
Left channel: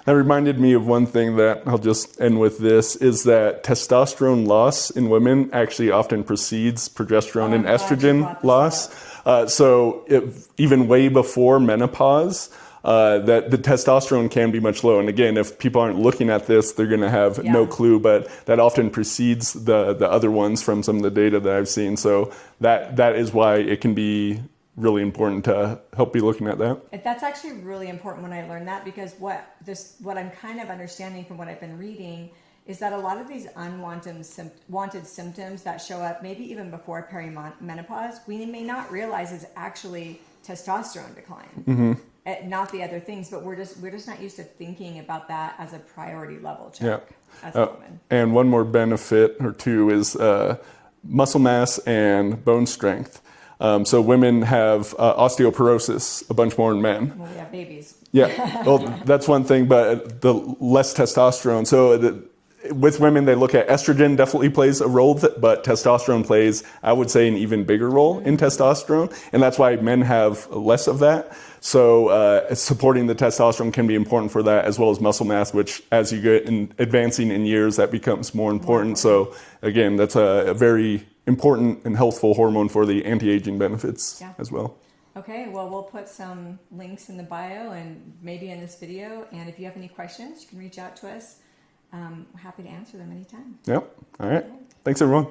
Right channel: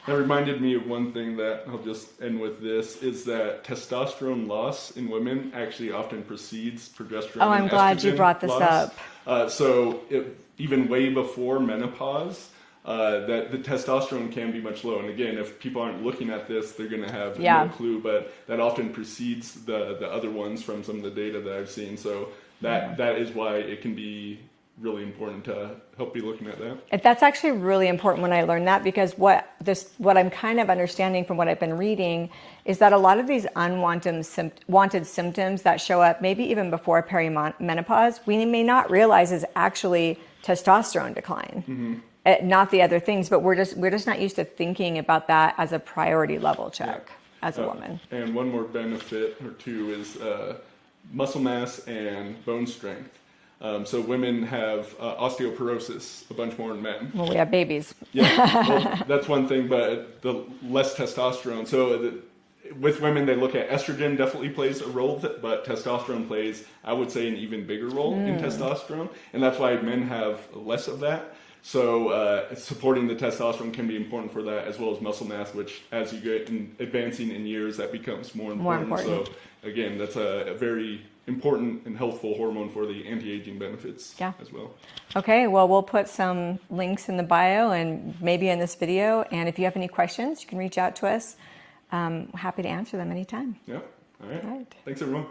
That reminded me of one thing that I'll just end with this, is that testosterone loss in women actually often precedes progesterone and estrogen loss. So even way before menopause, that the testosterone can be much lower. And again, if people aren't looking at this, they're going to have no clue, but that often precedes the other ones from some of the data that I've seen. So that is why it can be really important to help be looking at that. That's actually really important when I learned that, because what I'm kind of understanding from what I've been reading is that a lot of these unwanted symptoms that show up maybe even before perimenopause, we may not realize is actually testosterone decline, not the other things. But we're just not used to thinking about that as a priority level check as a woman. And one more benefit or two is muscle mass and bone strength. So women have osteoporosis a bunch more than men. Well, we have babies. Yeah, well, that's one thing, but the less testosterone. So with women, they look at estrogen definitely plays a role, but testosterone plays, I would say, an even bigger role in testosterone. And that's why men have less of that. So supporting the testosterone can be important for that, as well as muscle mass, which as you get advancing in years, that becomes more important. So again, that's a very important and healthful hormone for the anti-aging benefits as well. Okay, well, we'll put some links in the bio and maybe in this video. And if you have any questions, you can reach out to us. Happy to answer them anytime. Yep. All right. Thanks, everyone.